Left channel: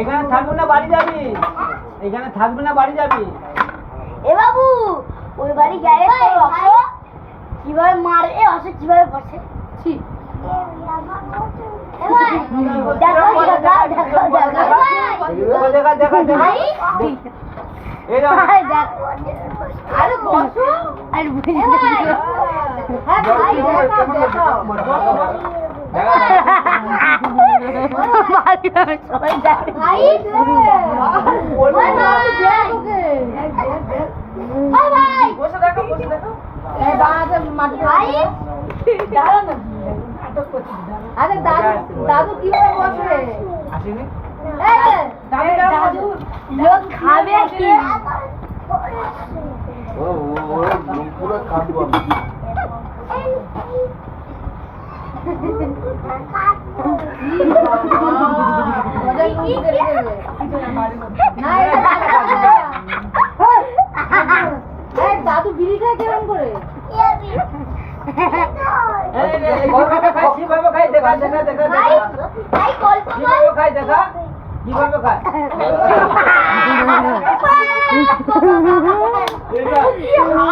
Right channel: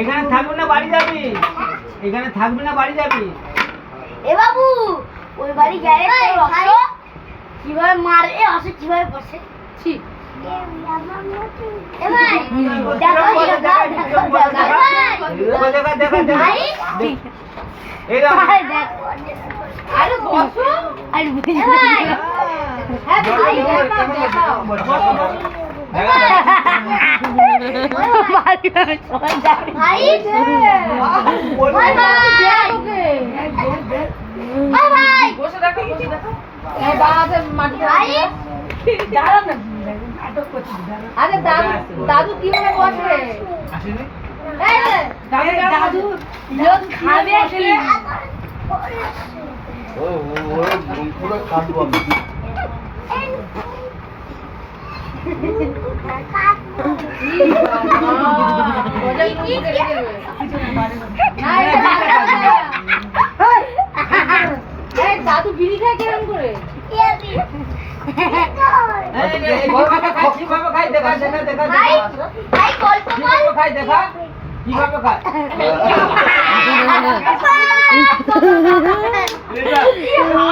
এখানে থাকবি না বাড়ি যাবি? এখানে থাকবি না বাড়ি যাবি? এ বাবু ওই বাড়ি গেলে কিভাবে মারে আসে কিভাবে বসে দাদু কিভাবে বসে দাদু লোক খাবে দাদু বিড়ি খায় কেমন করে কিভাবে খাই দেখা দেখা দেখা কিভাবে খাই দেখা কিভাবে খাই দাদু বিড়ি খাই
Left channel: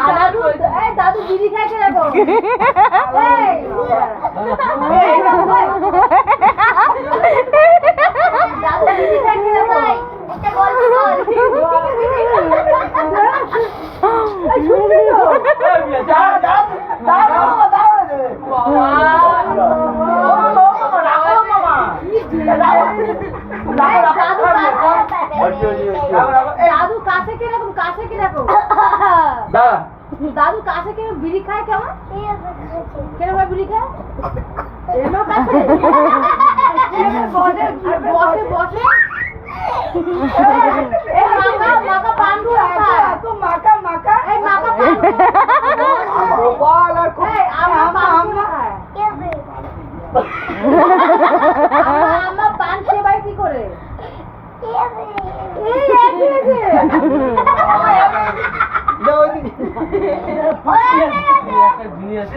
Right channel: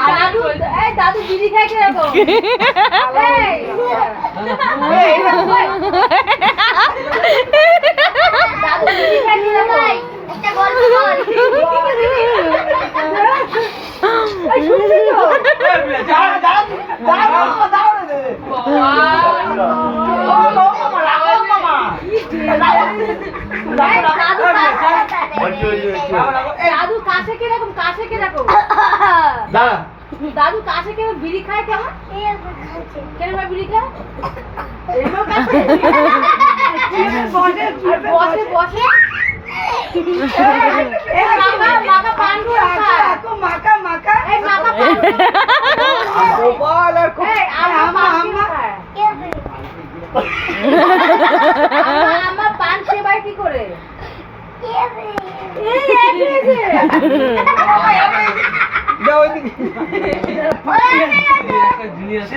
কে রাখো দাদু বিড়ি খাই কে রাখো একটা গল্প দাদু কাছে কিরকম কাছে কিরকম দাদু কাছে কেমন বিড়ি খায় কেমন কেমন বিড়ি খায় বসে বসে মাকা পান্ডু মাকা মাকা এই মাকা আমার পান সেবাই কি করে জিনিস